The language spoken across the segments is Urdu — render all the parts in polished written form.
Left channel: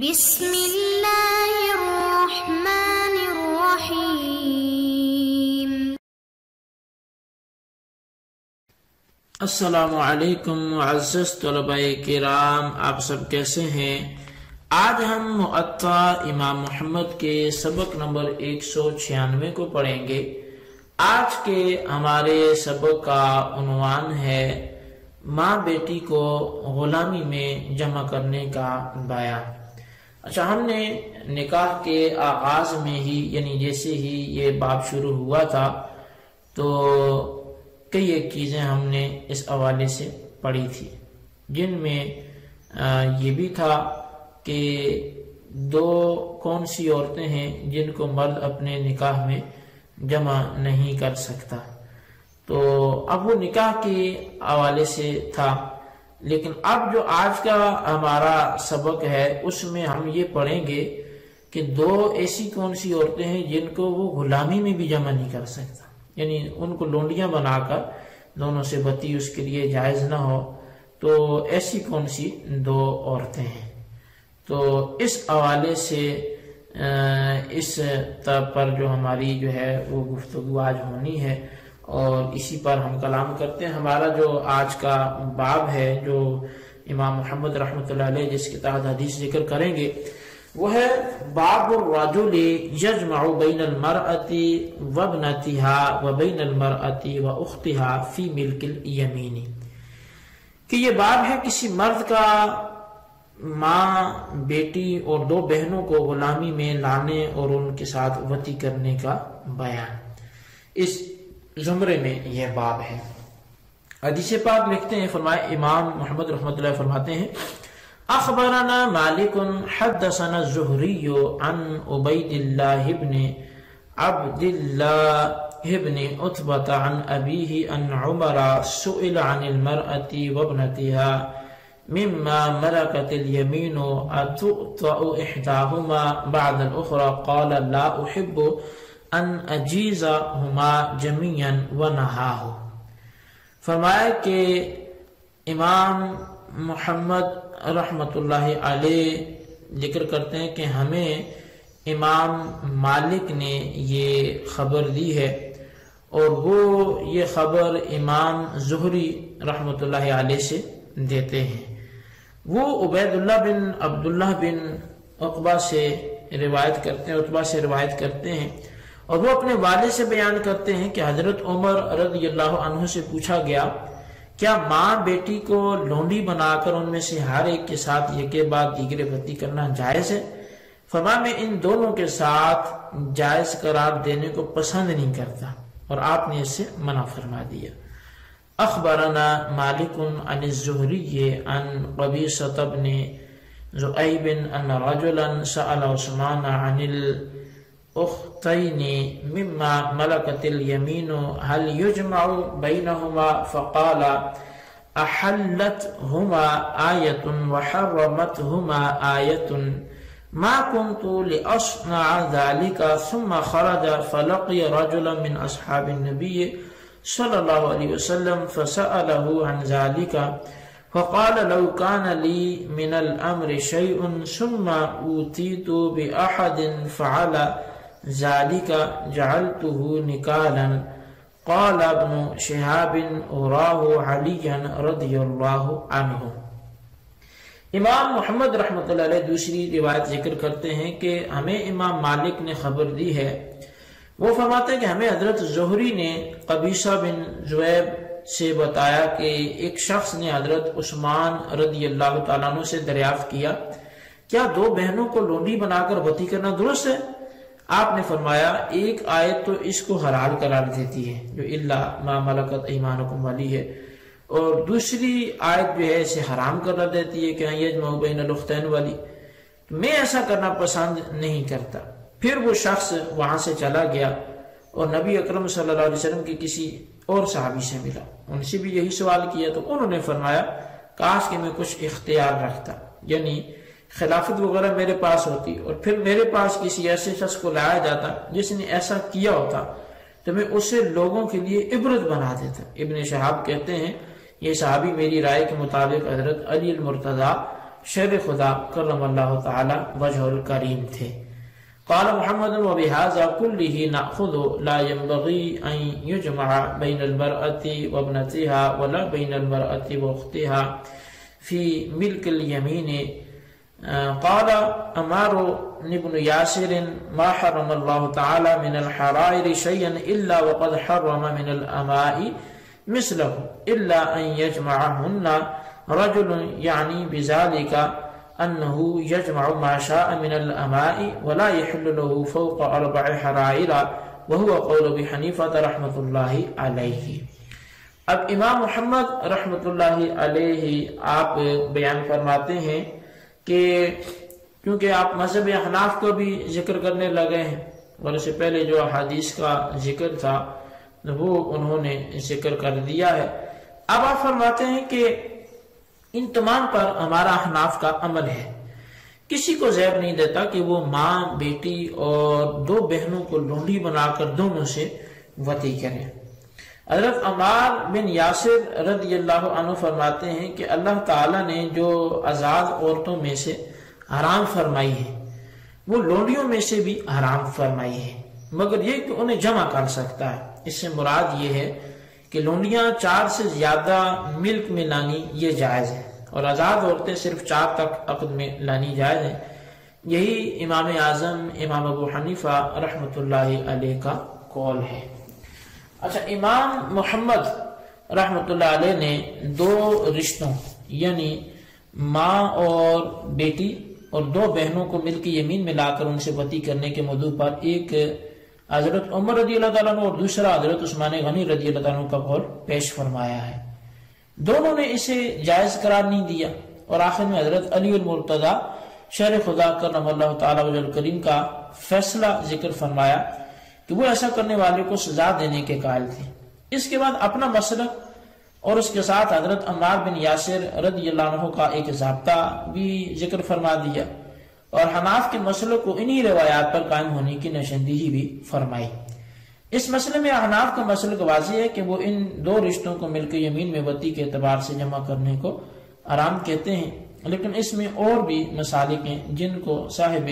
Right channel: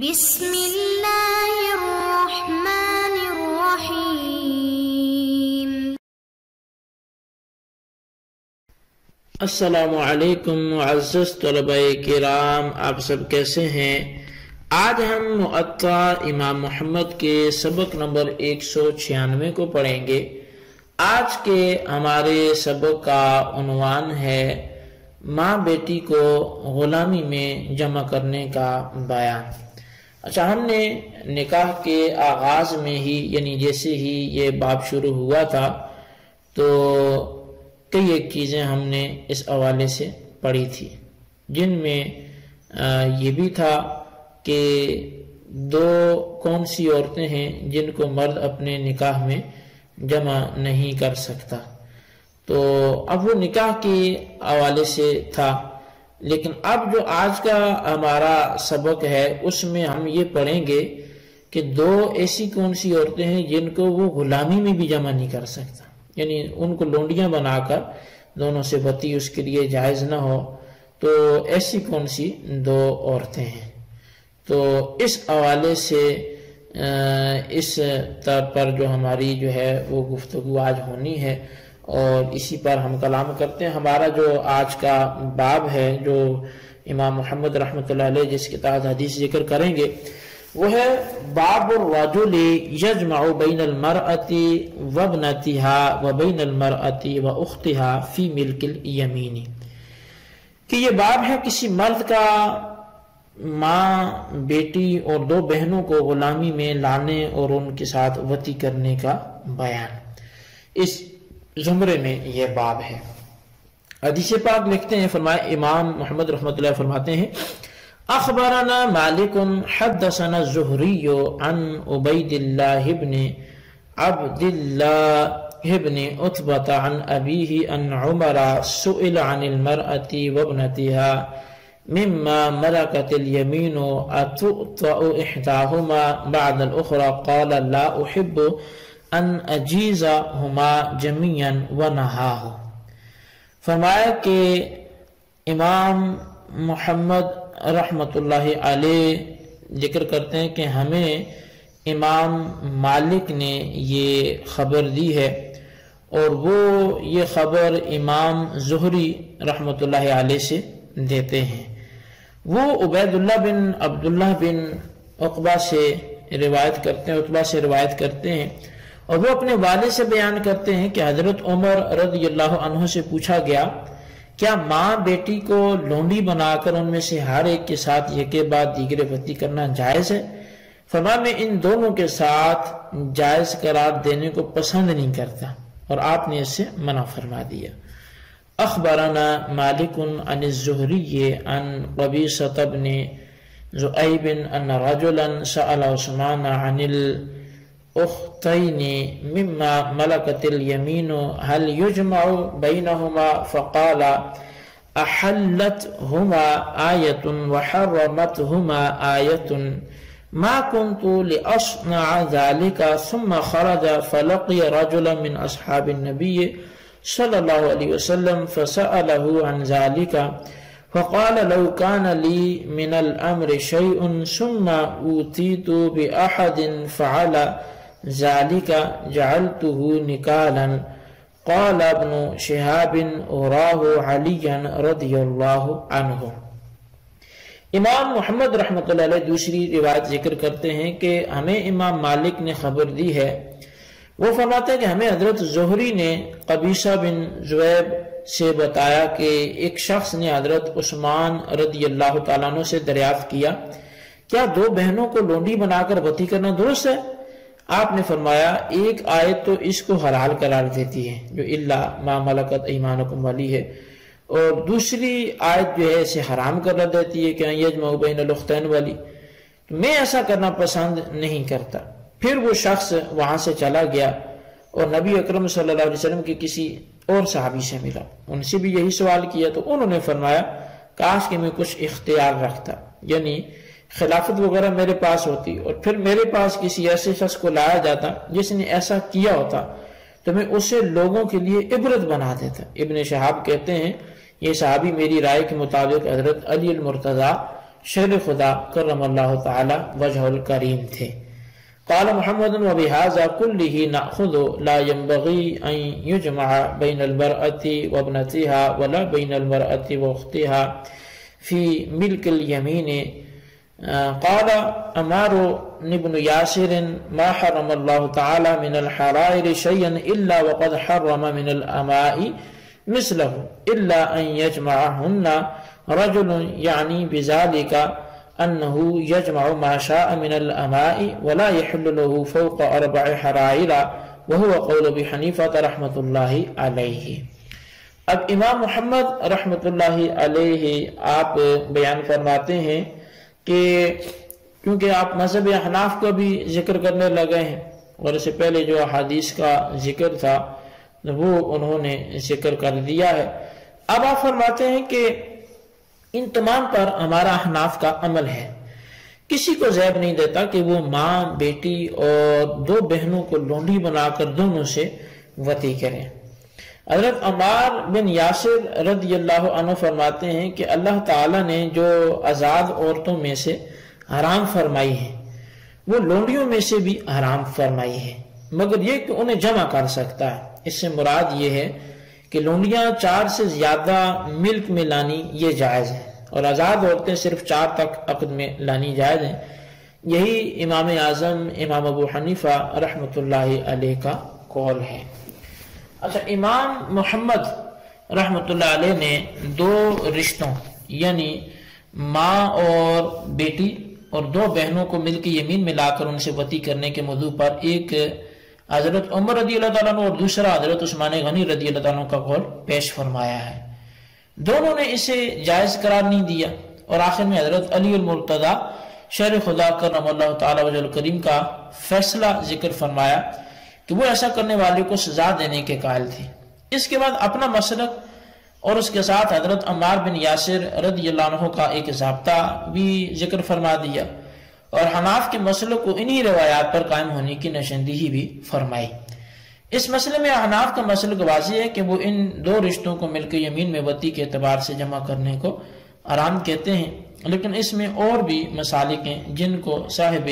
بسم اللہ الرحمن الرحیم۔ السلام علیکم معزز طلباء کرام، آپ سب کیسے ہیں؟ آج ہم معطا امام محمد کے سبق نمبر 196 کو پڑھیں گے۔ آج کے ہمارے سبق کا عنوان ہے ماں بیٹی کو غلامی میں جمع کرنے کا بیان۔ اچھا، ہم نے نکاح کے آغاز میں ہی یعنی جیسے ہی یہ باب شروع ہوا تھا تو کئی ایک چیزیں ہم نے اس حوالے سے پڑھی تھی، جن میں یہ بھی تھا کہ دو کون سی عورتیں ہیں جن کو مرد اپنے نکاح میں جمع نہیں کر سکتا۔ تو اب وہ نکاح کے حوالے سے تھا، لیکن اب جو آج کا ہمارا سبق ہے اس میں ہم یہ پڑھیں گے کہ دو ایسی کون سی عورتیں ہیں جن کو وہ غلامی میں بھی جمع نہیں کر سکتا، یعنی ان کو لونڈیاں بنا کر دونوں سے بتی اس کے لیے جائز نہ ہو، تو ایسی کون سی دو عورتیں ہیں۔ تو اس حوالے سے اس طرح پر جو ہماری جو ہے وہ گفتگو آج ہونی ہے اور اسی پر ہم کلام کرتے ہیں۔ ہمارا جو آج کا باب ہے جو امام محمد رحمۃ اللہ علیہ جس کے تحت حدیث ذکر کریں گے وہ ہے باب الرجل یجمع بین المرأة وابنتها وبین المرأة واختها فی ملک الیمین، کہ یہ باب ہے کسی مرد کا ماں بیٹی اور دو بہنوں کو غلامی میں لانے اور ان کے ساتھ وطی کرنے کا بیان۔ اس زمرے میں یہ باب ہے۔ حدیث پاک لکھتے ہیں، فرمائے امام محمد رحمۃ اللہ فرماتے ہیں اخبرنا مالک حدثنا الزہری عن عبید اللہ بن عبد اللہ بن عتبہ عن ابیہ ان عمر سئل عن المرأة وابنتها مما ملكت اليمين اتؤطأ احداهما بعد الاخرى قال لا احب ان اجیزہما جميعا ونہاہ۔ فرمایا کہ امام محمد رحمت اللہ علیہ ذکر کرتے ہیں کہ ہمیں امام مالک نے یہ خبر دی ہے اور وہ یہ خبر امام زہری رحمت اللہ علیہ سے دیتے ہیں۔ وہ عبید اللہ بن عبداللہ بن عقبہ سے روایت کرتے ہیں، عتبہ سے روایت کرتے ہیں، اور وہ اپنے والد سے بیان کرتے ہیں کہ حضرت عمر رضی اللہ عنہ سے پوچھا گیا کیا ماں بیٹی کو لونڈی بنا کر ان میں سے ہر ایک کے ساتھ یکے بعد دیگرے وطی کرنا جائز ہے؟ فرمایا میں ان دونوں کے ساتھ جائز قرار دینے کو پسند نہیں کرتا، اور آپ نے اس سے منع فرما دیا۔ اخبرنا مالک عن الزہری عن قبیصۃ بن ذؤیب ان رجلا سأل عثمان عن اختین مما ملکت الیمین هل یجمع بینہما فقال احلتہما آیت وحرمتہما آیت ما كنت لأصنع ذلك ثم خرج فلقي رجلا من اصحاب النبي صلی اللہ علیہ وسلم فسأله عن ذلك فقال لو كان لي من الامر شيء ثم اوتيت بأحد فعل ذالک جعلته نکالا قال ابن شہاب اراہ علیا رضی اللہ عنہ۔ امام محمد رحمۃ اللہ علیہ دوسری روایت ذکر کرتے ہیں کہ ہمیں امام مالک نے خبر دی ہے، وہ فرماتے ہیں کہ ہمیں حضرت زہری نے قبیصہ بن ذؤیب سے بتایا کہ ایک شخص نے حضرت عثمان رضی اللہ تعالیٰ عنہ سے دریافت کیا کیا دو بہنوں کو لونڈی بنا کر وطی کرنا درست ہے؟ آپ نے فرمایا ایک آیت تو اس کو حلال قرار دیتی ہے جو الا ما ملکت ایمانکم والی ہے، اور دوسری آیت جو ہے اسے حرام قرار دیتی ہے کہ یجمع بین الاختین والی۔ میں ایسا کرنا پسند نہیں کرتا۔ پھر وہ شخص وہاں سے چلا گیا اور نبی اکرم صلی اللہ علیہ وسلم کے کسی اور صحابی سے ملا، ان سے بھی یہی سوال کیا تو انہوں نے فرمایا کاش کہ میں کچھ اختیار رکھتا، یعنی خلافت وغیرہ میرے پاس ہوتی اور پھر میرے پاس کسی ایسے شخص کو لایا جاتا جس نے ایسا کیا ہوتا تو میں اسے لوگوں کے لیے عبرت بنا دیتا۔ ابن شہاب کہتے ہیں یہ صحابی میری رائے کے مطابق حضرت علی المرتضیٰ شیر خدا کرم اللہ تعالی وجہ الکریم تھے۔ قال محمد وبهذا كله نأخذ لا ينبغي أن يجمع بين المرأة وابنتها ولا بين المرأة وأختها في ملك اليمين۔ قال عمار بن ياسر ما حرم الله تعالى من الحرائر شيئا إلا وقد حرم من الأماء مثله إلا أن يجمعهن رجل، يعني بذلك أنه يجمع ما شاء من الأماء ولا يحل له فوق 4 حرائر، وهو قول أبي حنيفة رحمة الله عليه۔ اب امام محمد رحمۃ اللہ علیہ آپ بیان فرماتے ہیں کہ کیونکہ آپ مذہب احناف کو بھی ذکر کرنے لگے ہیں، اور اس سے پہلے جو احادیث کا ذکر تھا وہ انہوں نے ذکر کر دیا ہے۔ اب آپ فرماتے ہیں کہ ان تمام پر ہمارا احناف کا عمل ہے، کسی کو زیب نہیں دیتا کہ وہ ماں، بیٹی اور 2 بہنوں کو لونڈی بنا کر دونوں سے وطی کریں۔ حضرت عمار بن یاسر رضی اللہ عنہ فرماتے ہیں کہ اللہ تعالیٰ نے جو آزاد عورتوں میں سے حرام فرمائی ہے وہ لونڈیوں میں سے بھی حرام فرمائی ہے، مگر یہ کہ انہیں جمع کر سکتا ہے۔ اس سے مراد یہ ہے کہ لونڈیاں 4 سے زیادہ ملک میں لانی یہ جائز ہے، اور آزاد عورتیں صرف 4 تک عقد میں لانی جائز ہیں۔ یہی امام اعظم امام ابو حنیفہ رحمۃ اللہ علیہ کا قول ہے۔ اچھا، امام محمد رحمۃ اللہ علیہ نے 2 رشتوں یعنی ماں اور بیٹی اور 2 بہنوں کو مل کے یمین میں لا کر ان سے وطی کرنے کے موضوع پر ایک حضرت عمر رضی اللہ تعالیٰ عنہ اور دوسرا حضرت عثمان غنی رضی اللہ تعالیٰ عنہ کا قول پیش فرمایا ہے۔ دونوں نے اسے جائز قرار نہیں دیا، اور آخر میں حضرت علی المرتضی شیر خدا کرم اللہ تعالیٰ وجہ الکریم کا فیصلہ ذکر فرمایا کہ وہ ایسا کرنے والے کو سزا دینے کے قائل تھے۔ اس کے بعد اپنا مسلک اور اس کے ساتھ حضرت عمار بن یاسر رضی اللہ عنہ کا ایک ضابطہ بھی ذکر فرما دیا، اور حناف کے مسلک کو انہی روایات پر قائم ہونے کی نشاندہی بھی فرمائی۔ اس مسئلے میں حناف کا مسلک واضح ہے کہ وہ ان 2 رشتوں کو مل کے یمین میں وطی کے اعتبار سے جمع کرنے کو حرام کہتے ہیں، لیکن اس میں اور بھی مسالک ہیں جن کو صاحب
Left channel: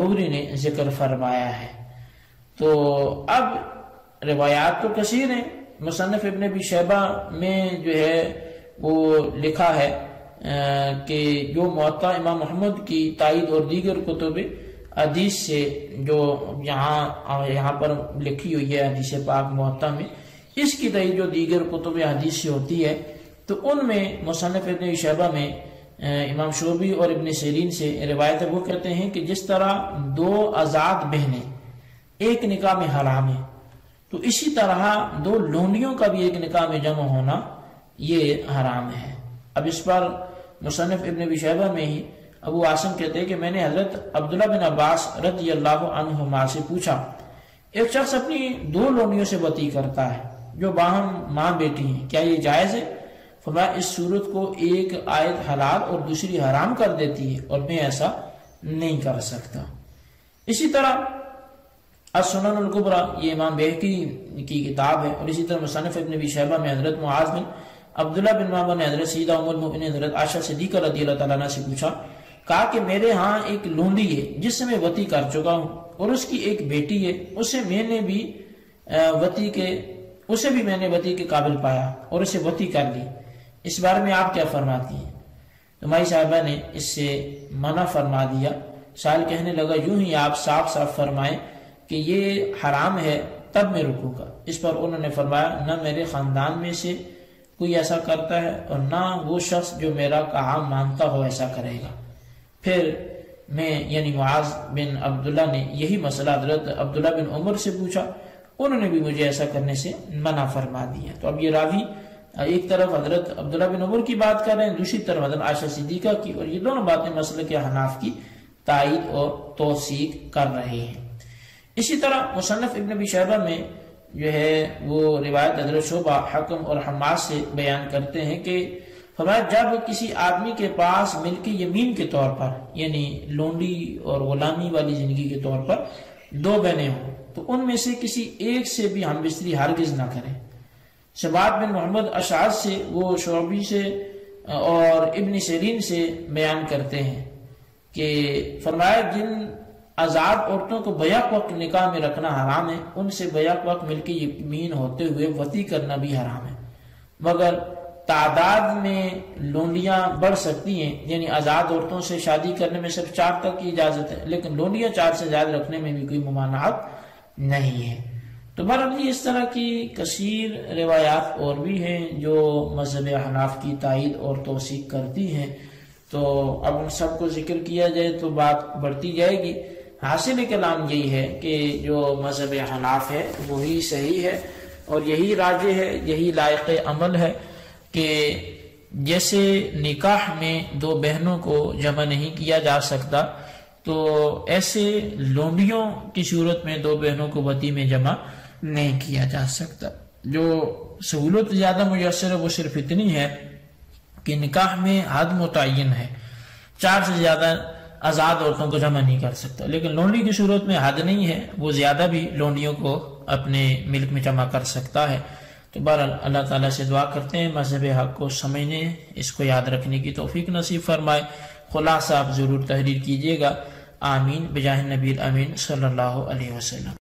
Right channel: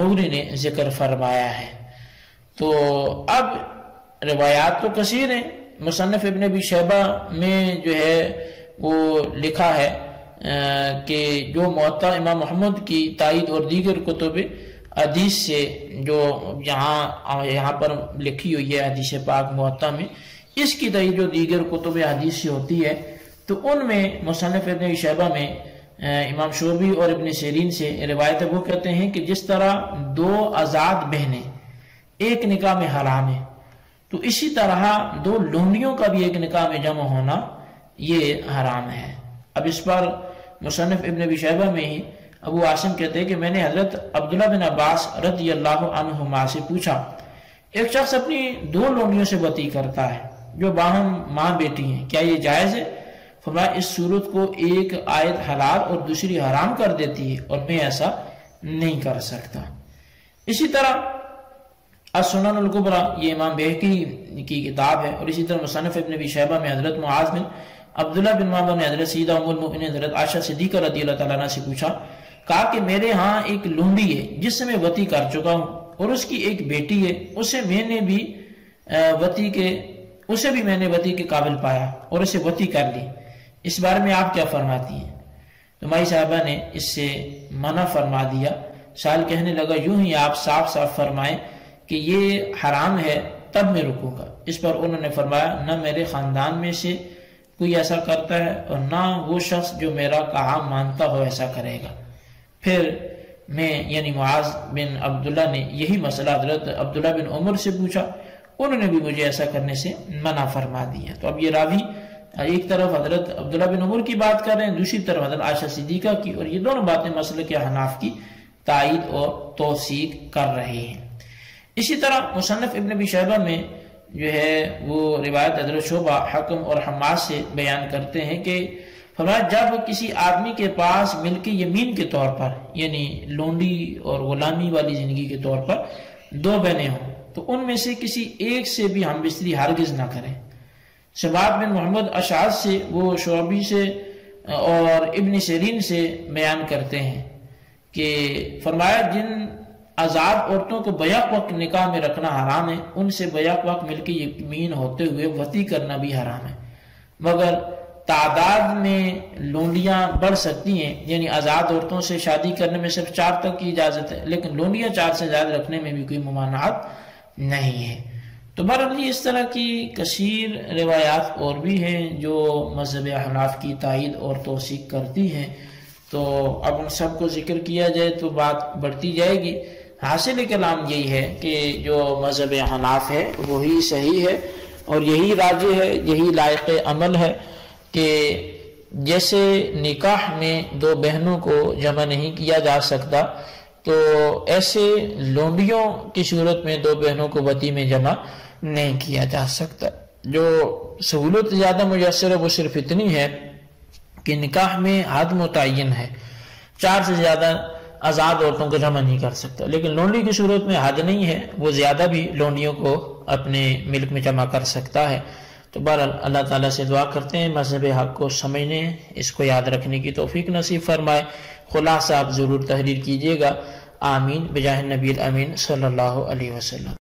مغنی نے ذکر فرمایا ہے۔ تو اب روایات تو کثیر ہیں، مصنف ابن ابی شیبہ میں جو ہے وہ لکھا ہے کہ جو موطا امام محمد کی تائید اور دیگر کتب حدیث سے جو یہاں پر لکھی ہوئی ہے حدیث پاک موطا میں، اس کی تائید جو دیگر کتب حدیث سے ہوتی ہے، تو ان میں مصنف ابن ابی شیبہ میں امام شعبی اور ابن سیرین سے روایت وہ کہتے ہیں کہ جس طرح 2 آزاد بہنیں ایک نکاح میں حرام ہے، تو اسی طرح 2 لونڈیوں کا بھی ایک نکاح میں جمع ہونا یہ حرام ہے۔ اب اس پر مصنف ابن ابی شیبہ میں ہی ابو عاصم کہتے ہیں کہ میں نے حضرت عبداللہ بن عباس رضی اللہ عنہما سے پوچھا، ایک شخص اپنی 2 لونڈیوں سے وطی کرتا ہے جو باہم ماں بیٹی ہیں، کیا یہ جائز ہے؟ فرمایا اس صورت کو ایک آیت حلال اور دوسری حرام کر دیتی ہے، اور میں ایسا نہیں کر سکتا۔ اسی طرح السنن الکبریٰ یہ امام بہقی کی کتاب ہے، اور اسی طرح مصنف ابن ابی شیبہ میں حضرت معاذ بن عبداللہ بن معاذ نے حضرت سیدہ ام المؤمنین حضرت عائشہ صدیقہ رضی اللہ تعالیٰ عنہ سے پوچھا، کہا کہ میرے ہاں ایک لونڈی ہے جس سے میں وطی کر چکا ہوں، اور اس کی ایک بیٹی ہے، اسے میں نے بھی وطی کے قابل پایا اور اسے وطی کر لی، اس بارے میں آپ کیا فرماتی ہیں؟ تو مائی صاحبہ نے اس سے منع فرما دیا۔ سائل کہنے لگا، یوں ہی آپ صاف صاف فرمائیں کہ یہ حرام ہے تب میں رکوں گا۔ اس پر انہوں نے فرمایا، نہ میرے خاندان میں سے کوئی ایسا کرتا ہے اور نہ وہ شخص جو میرا کہا مانتا ہو ایسا کرے گا۔ پھر میں یعنی معاذ بن عبداللہ نے یہی مسئلہ حضرت عبداللہ بن عمر سے پوچھا، انہوں نے بھی مجھے ایسا کرنے سے منع فرما دیا۔ تو اب یہ راوی ایک طرف حضرت عبداللہ بن عمر کی بات کر رہے ہیں، دوسری طرف حضرت عائشہ صدیقہ کی، اور یہ دونوں باتیں مسلک حناف کی تائید اور توثیق کر رہے ہیں۔ اسی طرح مصنف ابن ابی شیبہ میں جو ہے وہ روایت حضرت شعبہ، حکم اور حماد سے بیان کرتے ہیں کہ فرمایا جب کسی آدمی کے پاس ملک یمین کے طور پر یعنی لونڈی اور غلامی والی زندگی کے طور پر 2 بہنیں ہوں تو ان میں سے کسی ایک سے بھی ہم بستری ہرگز نہ کریں۔ سبات بن محمد اشعث سے وہ شعبی سے اور ابن سیرین سے بیان کرتے ہیں کہ فرمایا جن آزاد عورتوں کو بیک وقت نکاح میں رکھنا حرام ہے ان سے بیک وقت مل کے یمین ہوتے ہوئے وطی کرنا بھی حرام ہے، مگر تعداد میں لونڈیاں بڑھ سکتی ہیں، یعنی آزاد عورتوں سے شادی کرنے میں صرف 4 تک کی اجازت ہے، لیکن لونڈیاں 4 سے زیادہ رکھنے میں بھی کوئی ممانعت نہیں ہے۔ تو بہرحال اس طرح کی کثیر روایات اور بھی ہیں جو مذہب حناف کی تائید اور توثیق کرتی ہیں، تو اب ان سب کو ذکر کیا جائے تو بات بڑھتی جائے گی۔ حاصل کلام یہی ہے کہ جو مذہب حناف ہے وہی صحیح ہے اور یہی راجح ہے، یہی لائق عمل ہے کہ جیسے نکاح میں 2 بہنوں کو جمع نہیں کیا جا سکتا تو ایسے لونڈیوں کی صورت میں 2 بہنوں کو وطی میں جمع نہیں کیا جا سکتا۔ جو سہولت زیادہ میسر ہے وہ صرف اتنی ہے کہ نکاح میں حد متعین ہے، 4 سے زیادہ آزاد عورتوں کو جمع نہیں کر سکتا، لیکن لونڈی کی صورت میں حد نہیں ہے، وہ زیادہ بھی لونڈیوں کو اپنے ملک میں جمع کر سکتا ہے۔ تو بہرحال اللہ تعالیٰ سے دعا کرتے ہیں مذہب حق کو سمجھنے، اس کو یاد رکھنے کی توفیق نصیب فرمائے۔ خلاصہ آپ ضرور تحریر کیجیے گا۔ آمین بجاہ نبی الامین صلی اللہ علیہ وسلم۔